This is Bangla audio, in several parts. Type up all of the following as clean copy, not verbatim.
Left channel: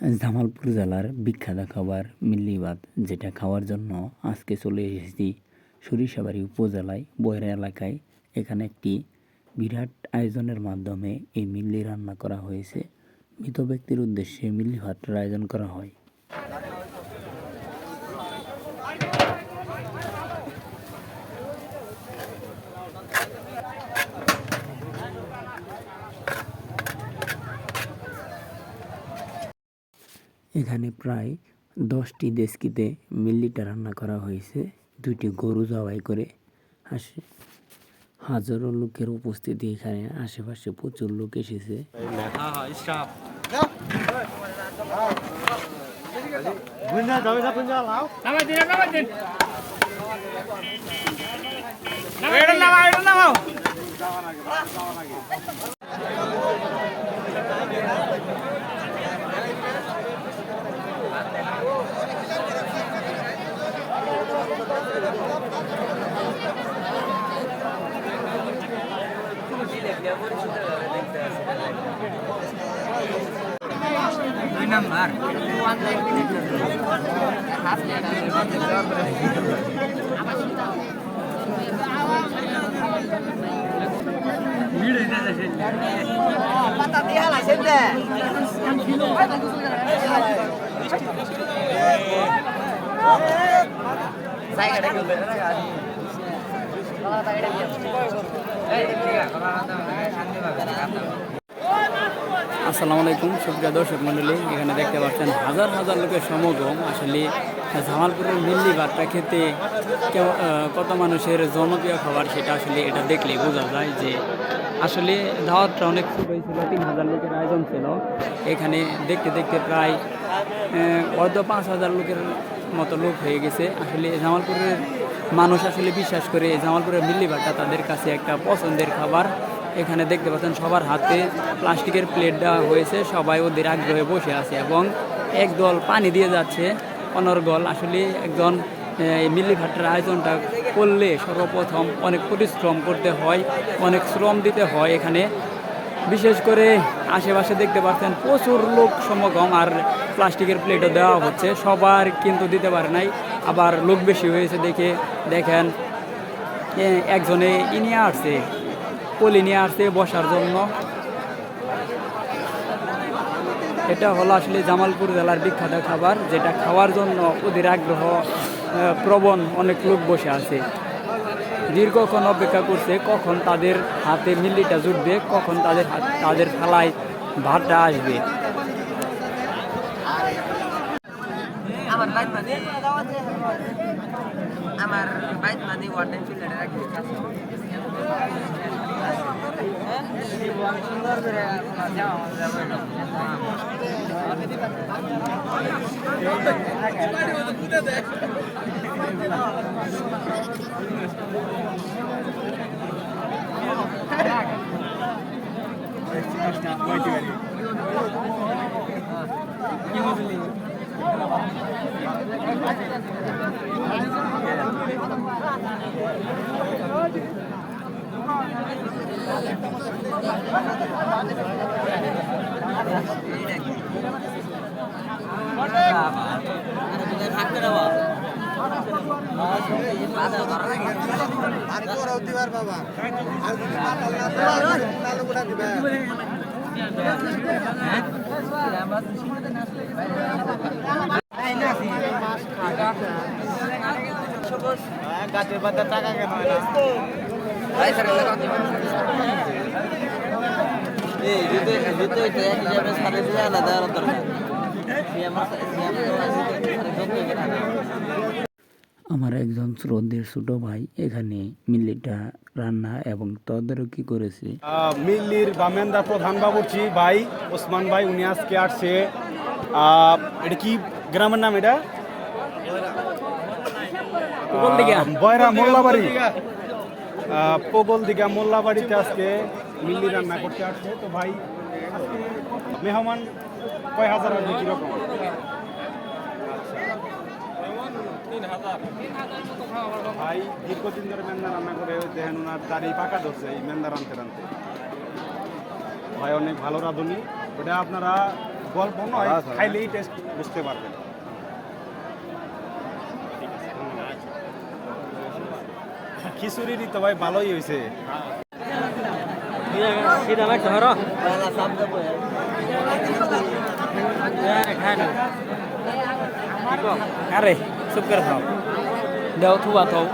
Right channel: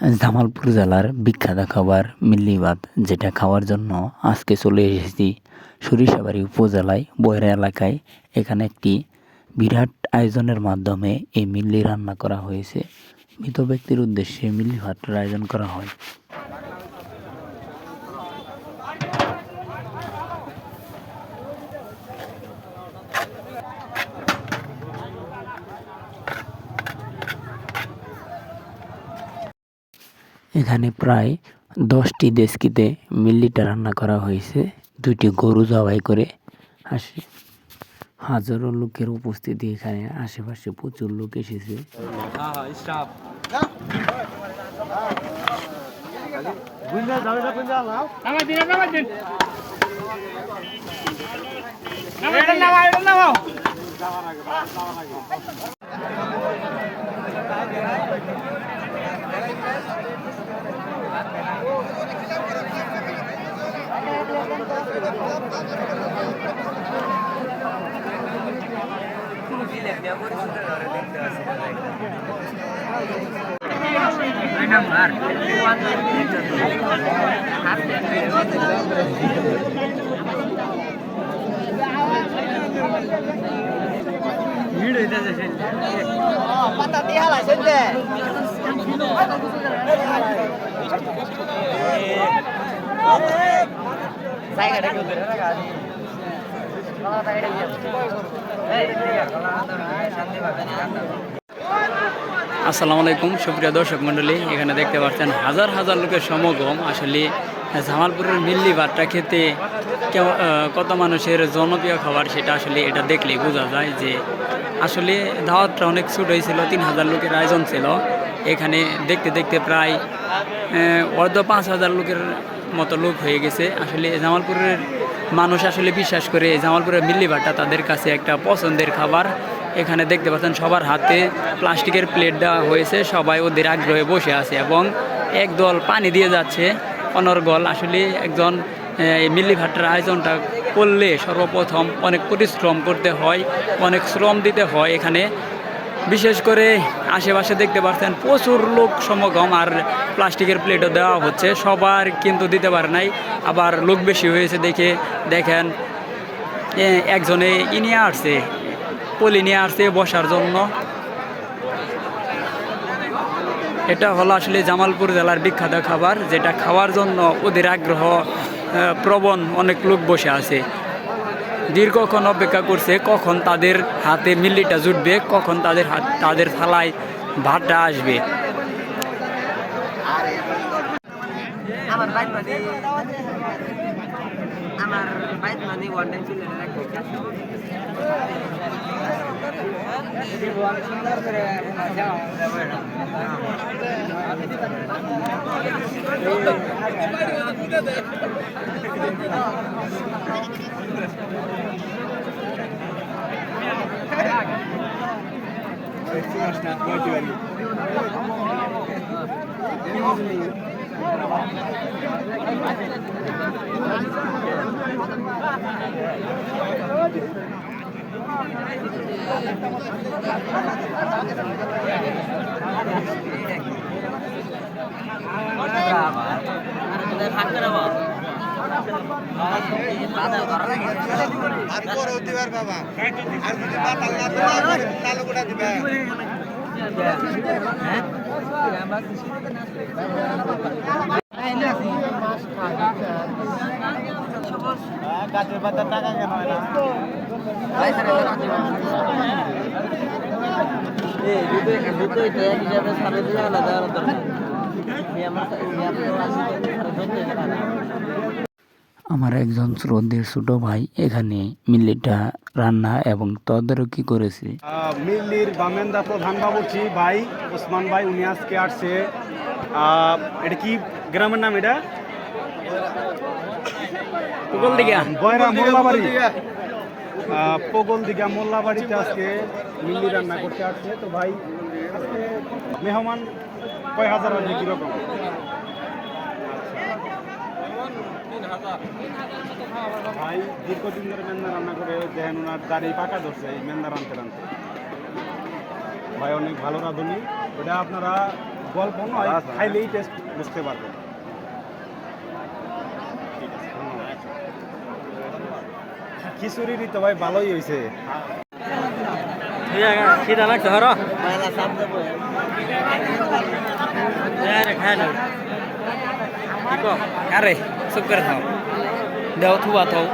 জামালপুর জেলার বিখ্যাত খাবার মিল্লি ভাত, যেটা খাওয়ার জন্য আজকে চলে এসেছি সরিষাবাড়ি উপজেলায় বয়রা এলাকায়। এখানে একটি বিরাট আয়োজনের মাধ্যমে এই মিল্লি রান্না করা হয়েছে। মৃত ব্যক্তির উদ্দেশ্যে মিল্লি ভাতের আয়োজন করা হয়। এখানে প্রায় 10টি ডেচকিতে মিল্লিটা রান্না করা হয়েছে। 2টি গরু জবাই করে হাজারো লোকের উপস্থিতি। এখানে আশেপাশে প্রচুর লোক এসেছে। আসসালামু আলাইকুম সুপ্রিয় দর্শক মণ্ডলী, এখানে দেখতে পাচ্ছেন হাজার হাজার লোকের সমাগম। আসলে জামালপুরের মিল্লি ভাতটা খেতে কত মানুষের জনপ্রিয় খাবার, সেটা আসলে এটা দেখলেই বোঝা যায় যে আসলে দাওয়াতটা অনেক ছোট হয়েছিল। 3000 লোকের আয়োজন ছিল। এখানে দেখতে দেখতে প্রায় 5,000 লোকের মতো লোক হয়ে গেছে। আসলে জামালপুরের মানুষ আসলে বিশ্বাস করে জামালপুরের মিল্লি ভাতটা তাদের কাছে একটা পছন্দের খাবার। এখানে দেখতে পাচ্ছেন সবার হাতে প্লাস্টিকের প্লেট দেওয়া হয়েছে। সবাই ওদের আগ্রহে বসে আছে এবং একদল পানি দিয়ে যাচ্ছে অনর্গল। আসলে একজন মিল্লি ভাতটার আয়োজনটা করলে সর্বপ্রথম অনেক পরিশ্রম করতে হয়, অনেক শ্রম দিতে হয়। এখানে বিশেষ করে আশেপাশে দেখতে পাচ্ছেন প্রচুর লোক সমাগম, আর প্লাস্টিকের প্লেটও দেওয়া হচ্ছে। সবার কিন্তু দিতে পারে নাই, আবার লোক বেশি হয়েছে দেখে দেখেন একজনে নিয়ে আসছে, পলি নিয়ে আসছে বসার জন্য। এটা হলো আসলে জামালপুর জেলার বিখ্যাত খাবার, যেটা খাওয়ার জন্য ওদের আগ্রহ প্রবণ অনেক লোক বসে আছে। দীর্ঘক্ষণ অপেক্ষা করছে কখন তাদের হাতে মিল্লিটা জুটবে, কখন তাদের থালায় ভাতটা আসবে। গাছের পাতার টাকা কেন হয় না? আমার একজন শ্রদ্ধেয় ছোট ভাই এখানে মিল্লিটা রান্না এবং তদারকি করেছে। মিল্লির বামেন্দা প্রধান বাবুর্চি ভাই ওসমান ভাই, উনি আজকে আসছে। এটা কি গ্রামের নাম? এটা বয়রা মোল্লাবাড়ি, পগলদিঘা মোল্লাবাড়িতে আজকে মিল্লি রান্না করতে আসছে। তো ভাই আজকে মেহমান কয় হাজার হবে কিরকম? 3,000 মতো খাওয়া ভাই দীর্ঘদিন ধরে মেন্দা রান্না করে দেন, ওনার দাঁড়িয়ে পাকা ধরছে এই মেন্দা রানতে রানতে। ভাই অনেক ভালো রাঁধুনি। ওটা আপনারা গল্প নয়, খাইলেই টেস্ট বুঝতে পারবেন। খিচুড়ি তো ভাই ভালোই হয়েছে। খিদা লাগছে হর কি কম আরে চুপ করে থাও দেও থুবা থাও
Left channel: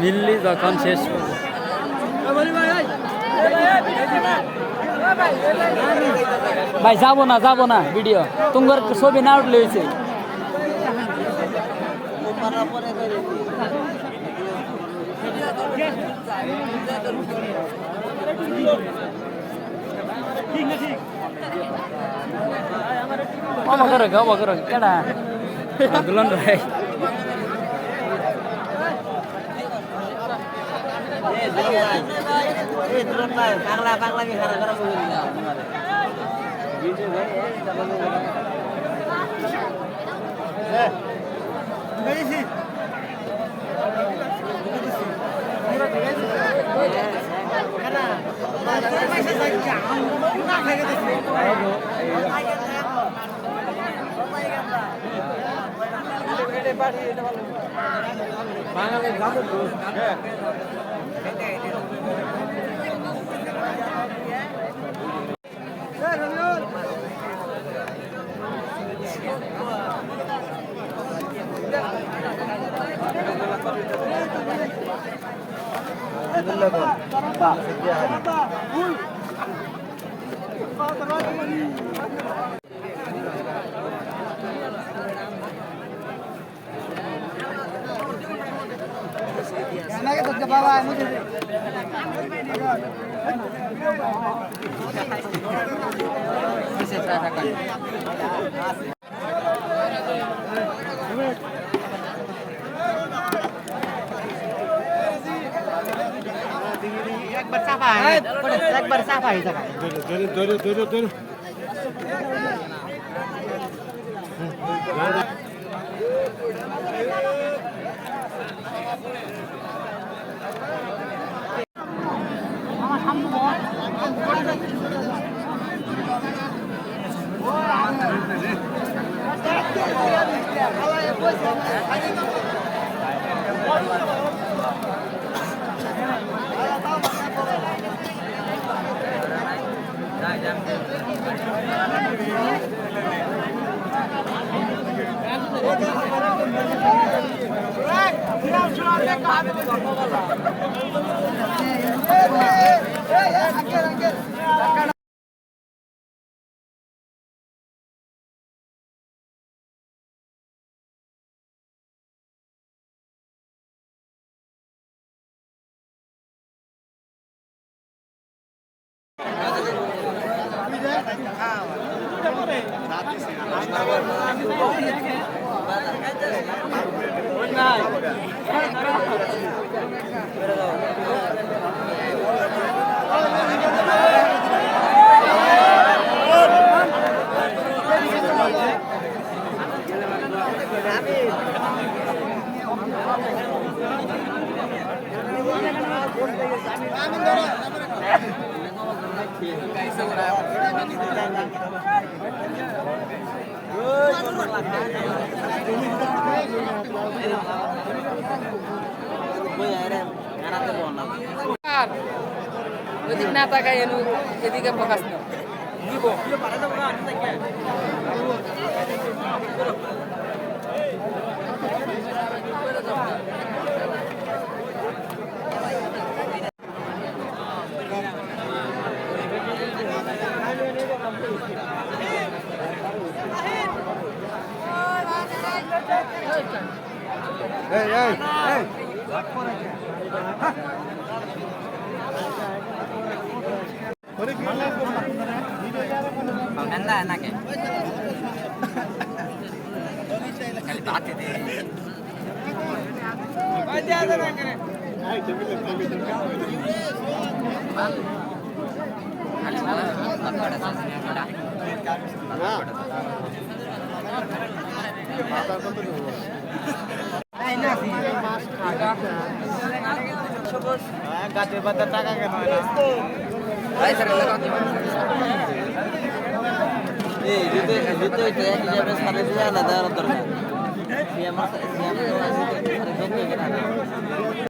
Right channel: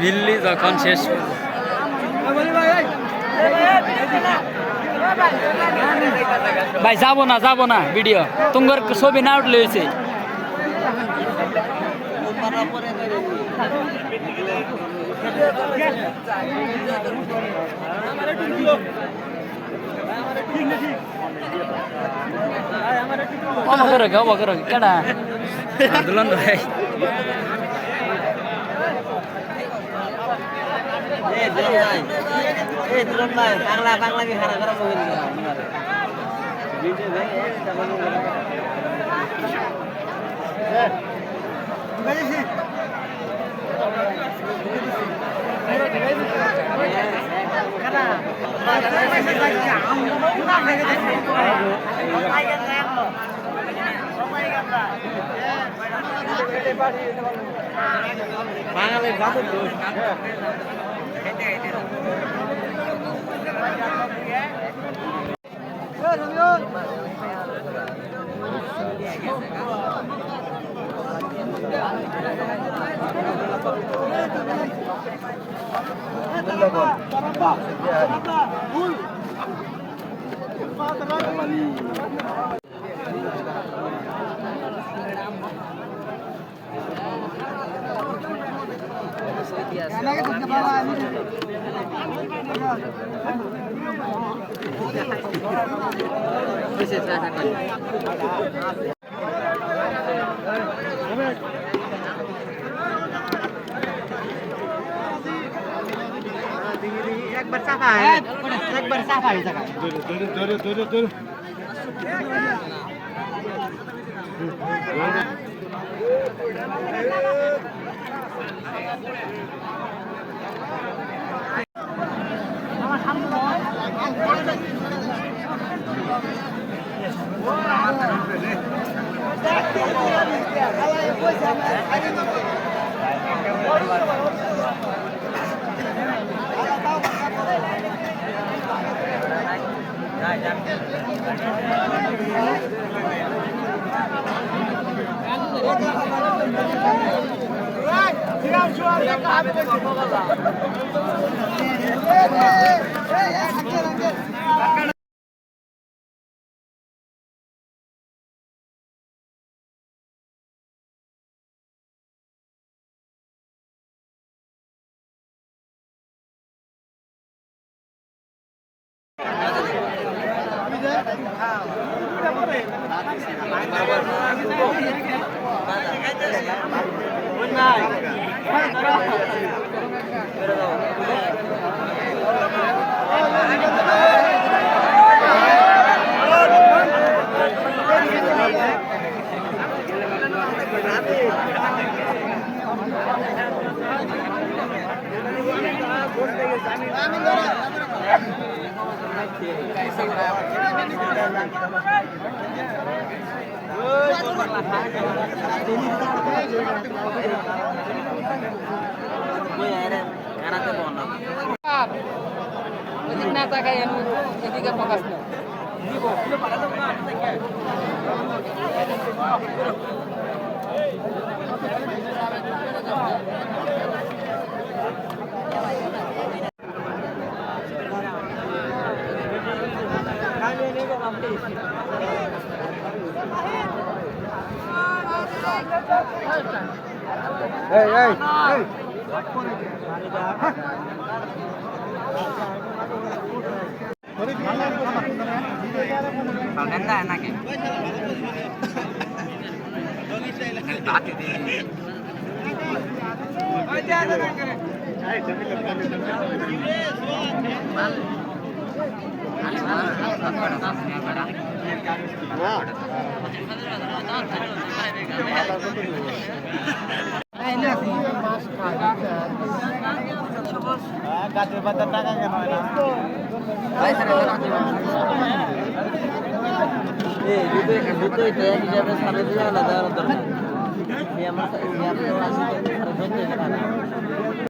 মিল্লি যখন শেষ করে ভাই যাব না ভিডিও তোমার ছবি না উঠলে হয়েছে কেডা দুলন ভাই বাংলা বাংলা খারাপ খারাপ বাঙালির জাতের দোষ একবার চাপা একবার চাপা হয়ে যাবে ওইদিকে না তাকাই এদিকে ফোকাস না গাছের পাতা টাকা কেন হয় না এই দুটো এটা এক হিসাবে সাড়ে দিয়ে আলাদা দরকার আমার যত এখানে